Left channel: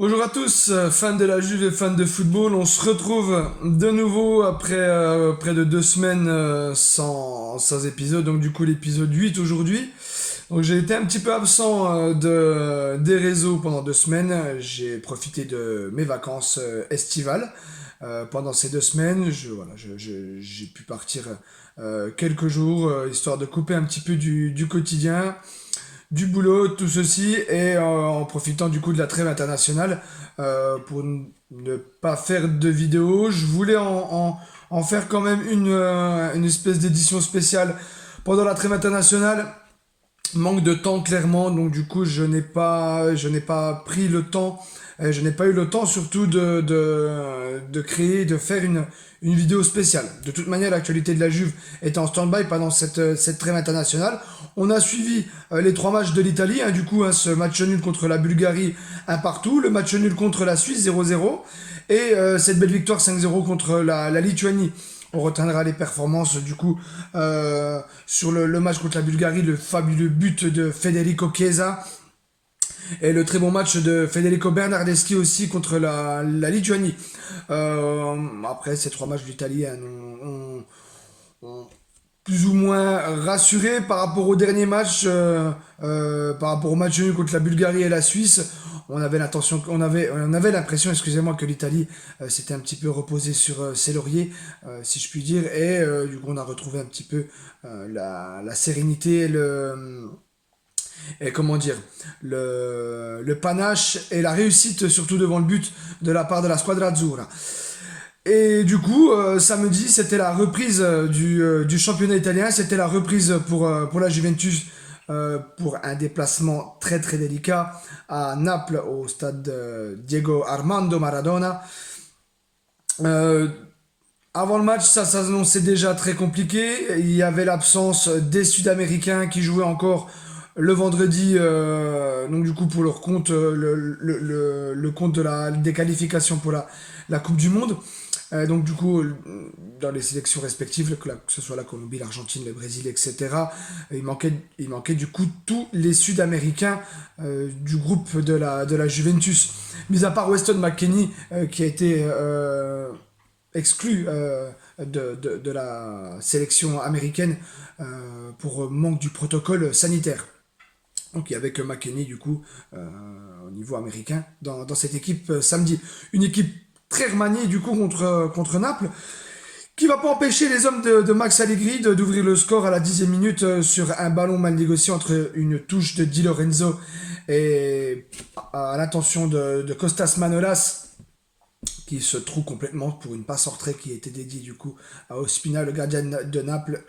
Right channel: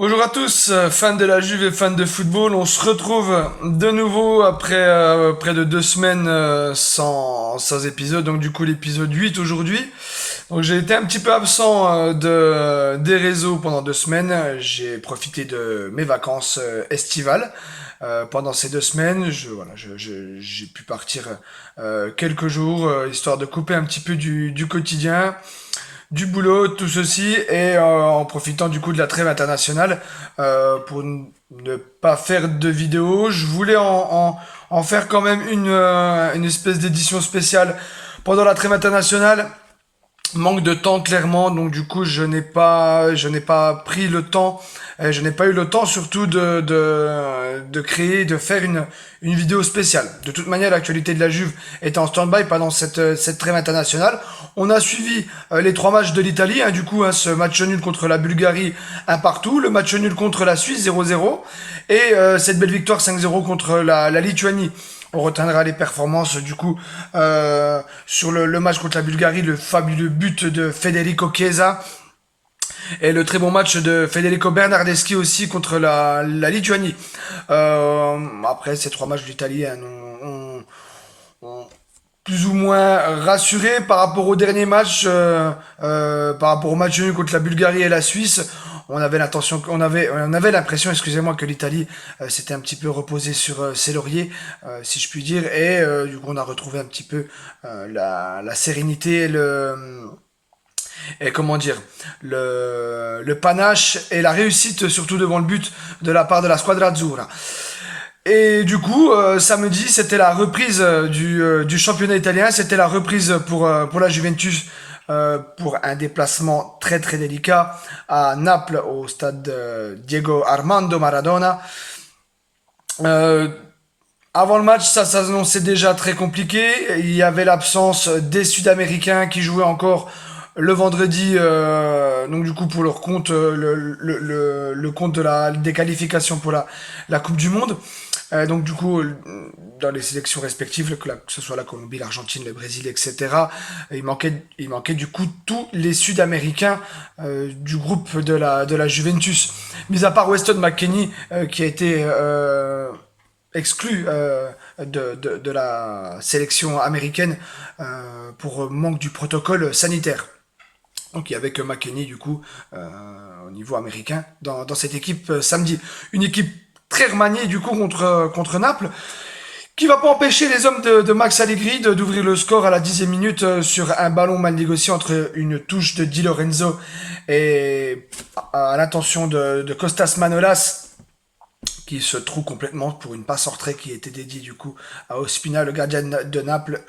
Bonjour à tous, fans de la Juve et fans de football. On se retrouve de nouveau après près de 2 semaines sans épisode. Donc du coup l'épisode 8 aujourd'hui. Donc j'ai été un petit peu absent des réseaux pendant 2 semaines. J'ai profité de mes vacances estivales. Pendant ces 2 semaines, j'ai pu partir quelques jours, histoire de couper un petit peu du quotidien, du boulot, tout ceci, et en profitant du coup de la trêve internationale pour ne pas faire de vidéo. Je voulais en faire quand même une espèce d'édition spéciale pendant la trêve internationale. Manque de temps clairement, donc du coup je n'ai pas pris le temps, je n'ai pas eu le temps surtout de créer, de faire une vidéo spéciale. De toute manière, l'actualité de la Juve était en stand-by pendant cette trêve internationale. On a suivi les 3 matchs de l'Italie, du coup ce match nul contre la Bulgarie, un partout, le match nul contre la Suisse 0-0, et cette belle victoire 5-0 contre la Lituanie. On retiendra les performances du coup sur le match contre la Bulgarie, le fabuleux but de Federico Chiesa et le très bon match de Federico Bernardeschi aussi contre la Lituanie. Après ces 3 matchs de l'Italie, on plus ou moins rassuré par rapport au dernier match, par rapport au match nul contre la Bulgarie et la Suisse. On avait l'impression, excusez-moi, que l'Italie s'était un petit peu reposée sur ses lauriers, si je puis dire, et du coup on a retrouvé un petit peu la sérénité, et comment dire, le panache et la réussite surtout devant le but de la part de la Squadra Azzurra. Et du coup, samedi, c'était la reprise du championnat italien, c'était la reprise pour la Juventus, pour un déplacement très très délicat à Naples, au stade Diego Armando Maradona. Euh, Avant le match, ça s'annonçait déjà très compliqué. Il y avait l'absence des Sud-Américains qui jouaient encore le vendredi, donc du coup pour leur compte, le compte des qualifications pour la Coupe du Monde. Donc du coup, dans les sélections respectives, que ce soit la Colombie, l'Argentine, le Brésil, etc., il manquait du coup tous les Sud-Américains du groupe de la Juventus. Mis à part Weston McKennie, qui a été exclu de la sélection américaine pour manque du protocole sanitaire. Donc il y avait que McKennie du coup au niveau américain dans cette équipe samedi. Une équipe très remaniée du coup contre Naples, qui va pas empêcher les hommes de Max Allegri d'ouvrir le score à la 10e minute sur un ballon mal négocié entre une touche de Di Lorenzo et à l'intention de Costas Manolas, qui se trouve complètement pour une passe en retrait qui était dédiée du coup à Ospina, le gardien de Naples.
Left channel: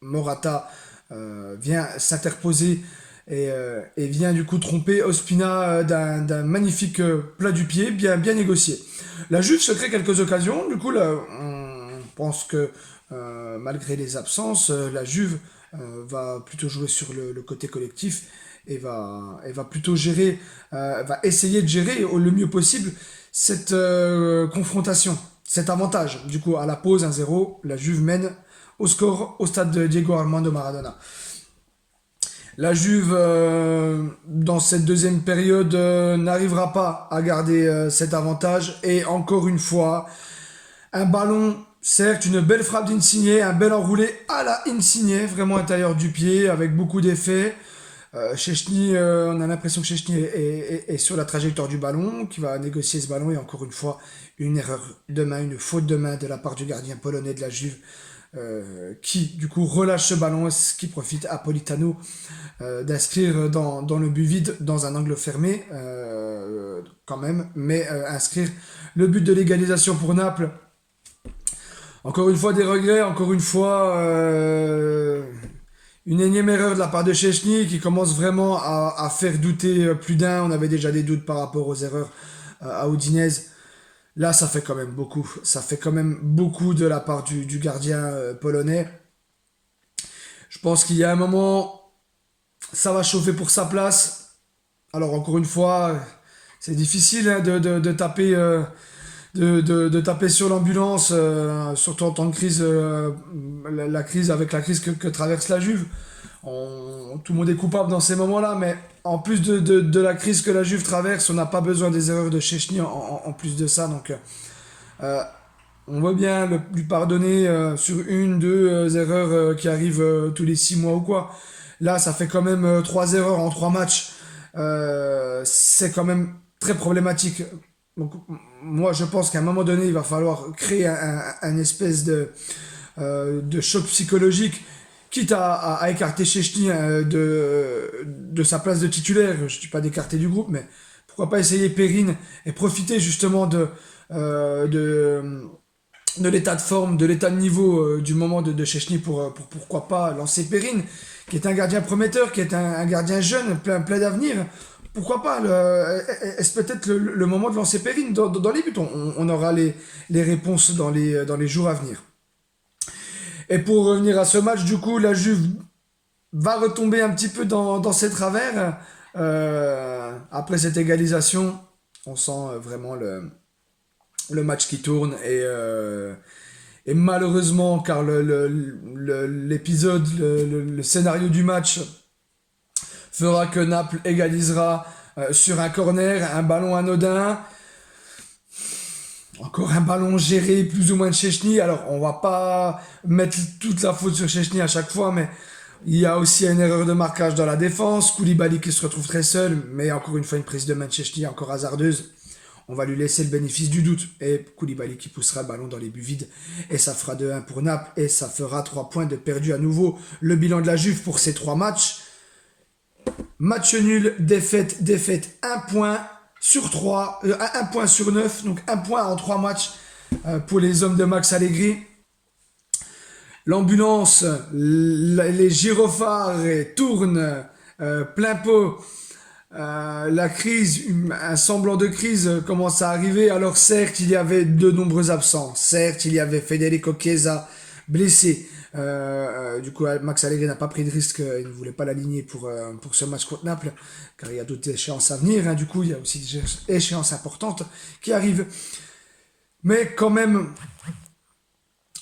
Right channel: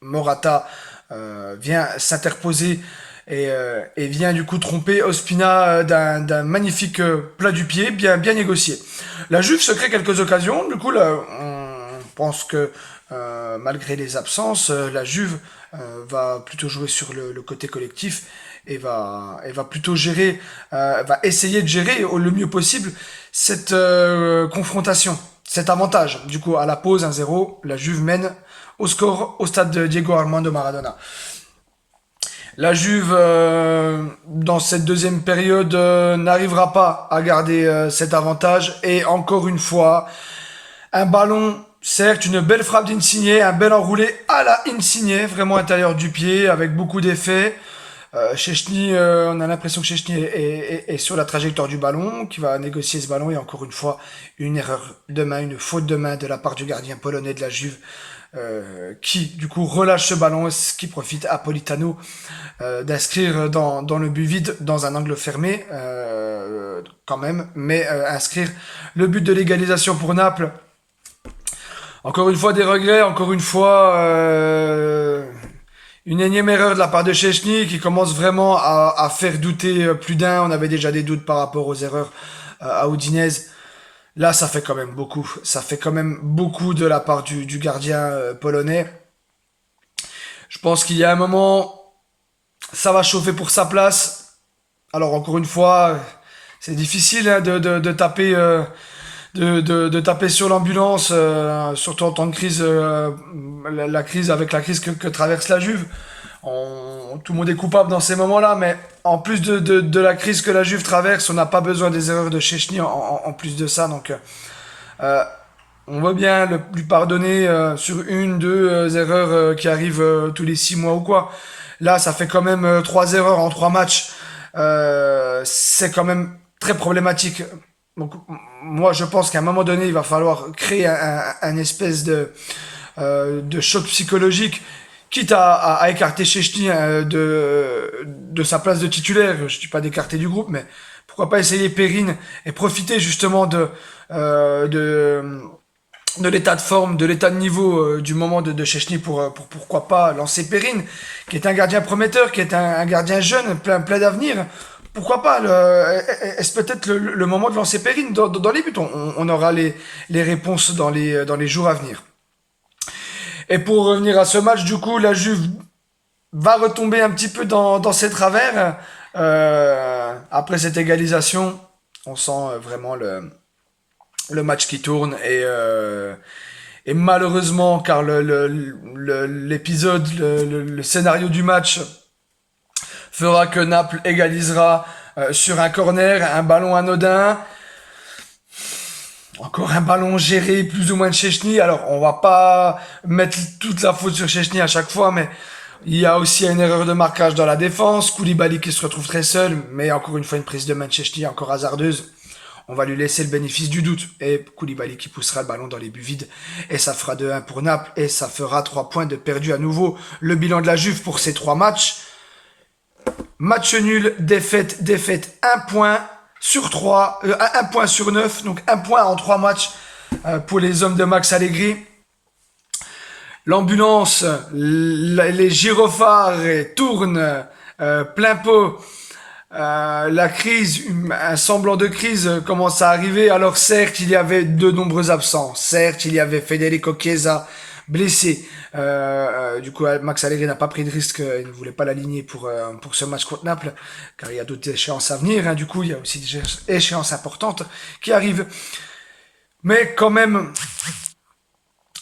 Morata vient s'interposer et vient du coup tromper Ospina d'un magnifique plat du pied, bien négocié. La Juve se crée quelques occasions, du coup là, on pense que malgré les absences, la Juve va plutôt jouer sur le côté collectif et va plutôt gérer, va essayer de gérer le mieux possible cette confrontation, cet avantage. Du coup, à la pause 1-0, la Juve mène au score au stade de Diego Armando Maradona. La Juve, dans cette deuxième période, n'arrivera pas à garder cet avantage. Et encore une fois, un ballon, certes, une belle frappe d'Insigne, un bel enroulé à la Insigne, vraiment intérieur du pied, avec beaucoup d'effets. Szczęsny, on a l'impression que Szczęsny est sur la trajectoire du ballon, qui va négocier ce ballon. Et encore une fois, une erreur de main, une faute de main de la part du gardien polonais de la Juve, qui du coup relâche ce ballon, ce qui profite à Politano d'inscrire dans le but vide, dans un angle fermé quand même, mais inscrire le but de l'égalisation pour Naples. Encore une fois des regrets, encore une fois une énième erreur de la part de Szczęsny qui commence vraiment à faire douter plus d'un. On avait déjà des doutes par rapport aux erreurs à Udinese. Là, ça fait quand même beaucoup. Ça fait quand même beaucoup de la part du gardien polonais. Je pense qu'il y a un moment, ça va chauffer pour sa place. Alors, encore une fois, c'est difficile de taper, de taper sur l'ambulance, surtout en temps de crise, la crise avec la crise que traverse la Juve. Tout le monde est coupable dans ces moments-là, mais en plus de la crise que la Juve traverse, on n'a pas besoin des erreurs de Szczęsny en plus de ça. Donc, euh, on veut bien lui pardonner sur une, deux erreurs qui arrivent tous les 6 mois ou quoi. Là, ça fait quand même 3 erreurs en 3 matchs. C'est quand même très problématique. Donc, moi, je pense qu'à un moment donné, il va falloir créer un espèce de choc psychologique, quitte à écarter Szczęsny de sa place de titulaire. Je ne dis pas d'écarter du groupe, mais pourquoi pas essayer Perrin et profiter justement euh, de, de l'état de forme, de l'état de niveau du moment de Szczęsny pour pourquoi pas lancer Perrin, qui est un gardien prometteur, qui est un gardien jeune, plein d'avenir. Pourquoi pas est-ce peut-être le moment de lancer Perrin dans les buts? On aura les réponses dans les jours à venir. Et pour revenir à ce match, du coup, la Juve va retomber un petit peu dans ses travers. Après cette égalisation, on sent vraiment le match qui tourne et malheureusement, car l'épisode, le scénario du match fera que Naples égalisera sur un corner, un ballon anodin. Encore un ballon géré plus ou moins de Szczęsny. Alors, on va pas mettre toute la faute sur Szczęsny à chaque fois, mais il y a aussi une erreur de marquage dans la défense. Koulibaly qui se retrouve très seul, mais encore une fois une prise de main de Szczęsny encore hasardeuse. On va lui laisser le bénéfice du doute. Et Koulibaly qui poussera le ballon dans les buts vides. Et ça fera 2-1 pour Naples. Et ça fera 3 points de perdu à nouveau. Le bilan de la Juve pour ces 3 matchs. Match nul, défaite, 1 point sur 3, 1 point sur 9, donc 1 point en 3 matchs pour les hommes de Max Allegri. L'ambulance, les gyrophares tournent plein pot. La crise, un semblant de crise commence à arriver. Alors certes, il y avait de nombreux absents. Certes, il y avait Federico Chiesa blessé. Du coup, Max Allegri n'a pas pris de risque. Il ne voulait pas l'aligner pour ce match contre Naples, car il y a d'autres échéances à venir. Du coup, il y a aussi des échéances importantes qui arrivent. Mais quand même,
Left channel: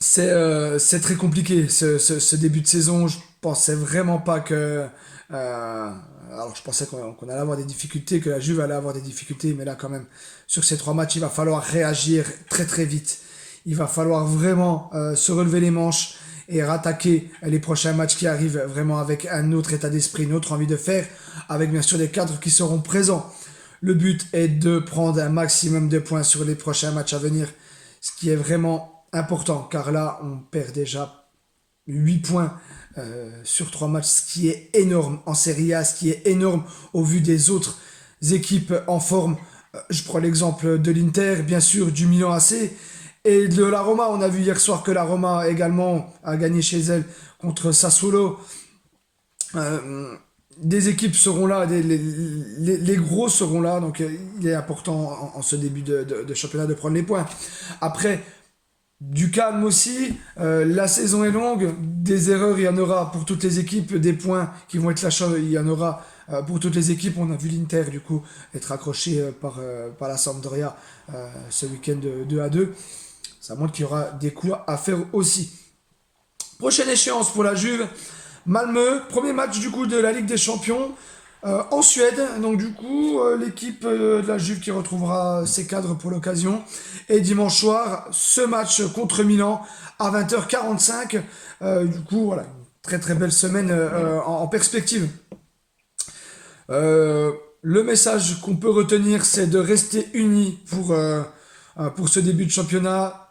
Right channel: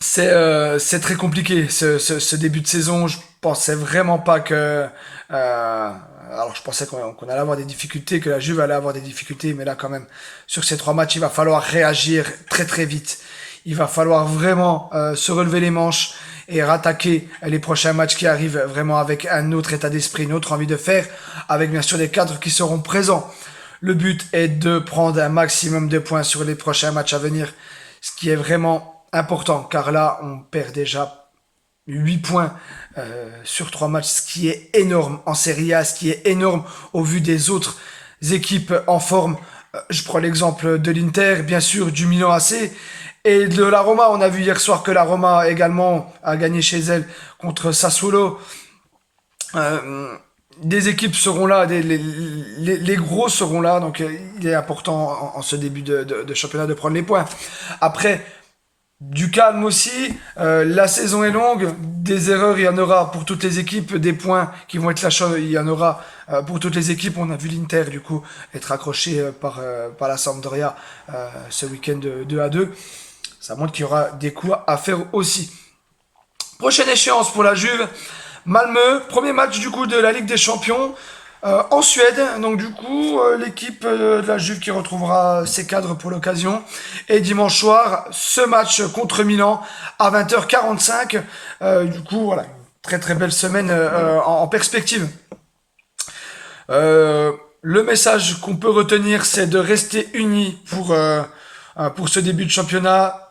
c'est très compliqué ce début de saison. Je pensais vraiment pas que... alors je pensais qu'on allait avoir des difficultés, que la Juve allait avoir des difficultés, mais là quand même, sur ces 3 matchs, il va falloir réagir très très vite. Il va falloir vraiment se relever les manches et rattaquer les prochains matchs qui arrivent vraiment avec un autre état d'esprit, une autre envie de faire, avec bien sûr des cadres qui seront présents. Le but est de prendre un maximum de points sur les prochains matchs à venir, ce qui est vraiment important, car là, on perd déjà 8 points sur 3 matchs, ce qui est énorme en Serie A, ce qui est énorme au vu des autres équipes en forme. Je prends l'exemple de l'Inter, bien sûr, du Milan AC, et de la Roma. On a vu hier soir que la Roma également a gagné chez elle contre Sassuolo. Des équipes seront là, les gros seront là, donc il est important en ce début de championnat de prendre les points. Après, du calme aussi, la saison est longue, des erreurs il y en aura pour toutes les équipes, des points qui vont être lâchés il y en aura pour toutes les équipes. On a vu l'Inter du coup être accroché par la Sampdoria ce week-end 2-2. Ça montre qu'il y aura des coups à faire aussi. Prochaine échéance pour la Juve, Malmö, premier match du coup de la Ligue des Champions en Suède. Donc du coup, l'équipe de la Juve qui retrouvera ses cadres pour l'occasion. Et dimanche soir, ce match contre Milan à 20h45. Du coup, voilà, une très très belle semaine en perspective. Le message qu'on peut retenir, c'est de rester unis pour ce début de championnat.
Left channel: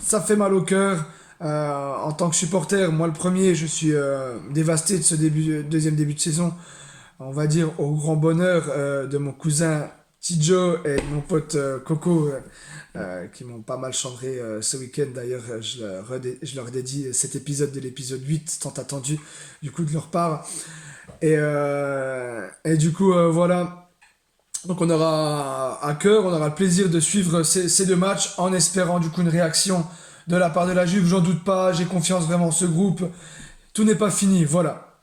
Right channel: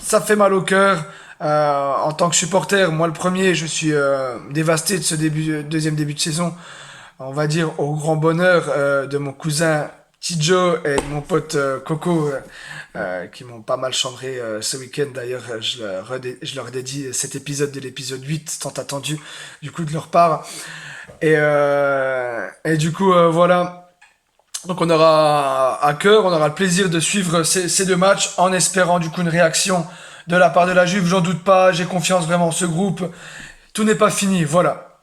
Ça fait mal au cœur. En tant que supporter, moi le premier, je suis dévasté de ce deuxième début de saison. On va dire au grand bonheur de mon cousin Tidjo et de mon pote Coco qui m'ont pas mal chambré ce week-end. D'ailleurs, je leur dédie cet épisode de l'épisode 8 tant attendu du coup de leur part. Et du coup, voilà. Donc on aura à cœur, on aura le plaisir de suivre ces 2 matchs en espérant du coup une réaction de la part de la Juve. J'en doute pas, j'ai confiance vraiment en ce groupe. Tout n'est pas fini, voilà.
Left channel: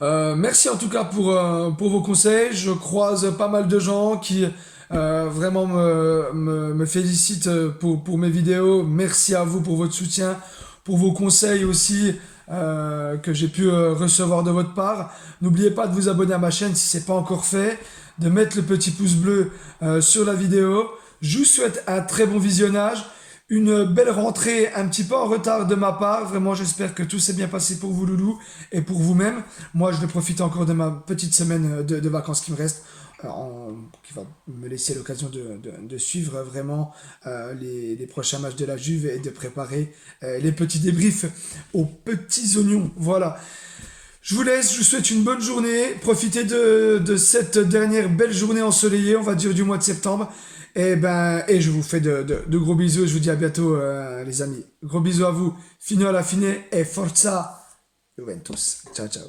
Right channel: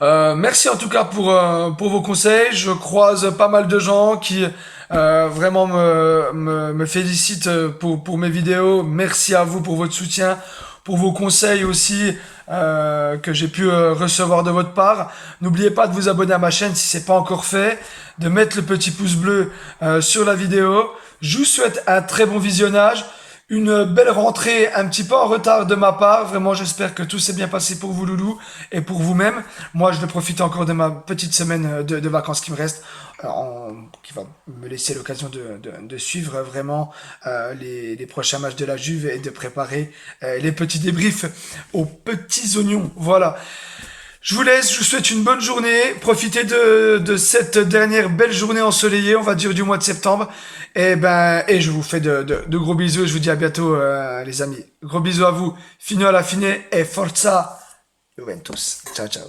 Merci en tout cas pour vos conseils. Je croise pas mal de gens qui vraiment me félicitent pour mes vidéos. Merci à vous pour votre soutien, pour vos conseils aussi que j'ai pu recevoir de votre part. N'oubliez pas de vous abonner à ma chaîne si c'est pas encore fait, de mettre le petit pouce bleu sur la vidéo. Je vous souhaite un très bon visionnage, une belle rentrée un petit peu en retard de ma part. Vraiment, j'espère que tout s'est bien passé pour vous, loulou, et pour vous-même. Moi, je vais profiter encore de ma petite semaine de vacances qui me reste, qui va me laisser l'occasion de suivre vraiment les prochains matchs de la Juve et de préparer les petits débriefs aux petits oignons. Voilà. Je vous laisse, je vous souhaite une bonne journée. Profitez de cette dernière belle journée ensoleillée, on va dire, du mois de septembre. Et je vous fais de gros bisous. Je vous dis à bientôt, les amis. Gros bisous à vous. Fino alla fine et forza Juventus. Ciao, ciao.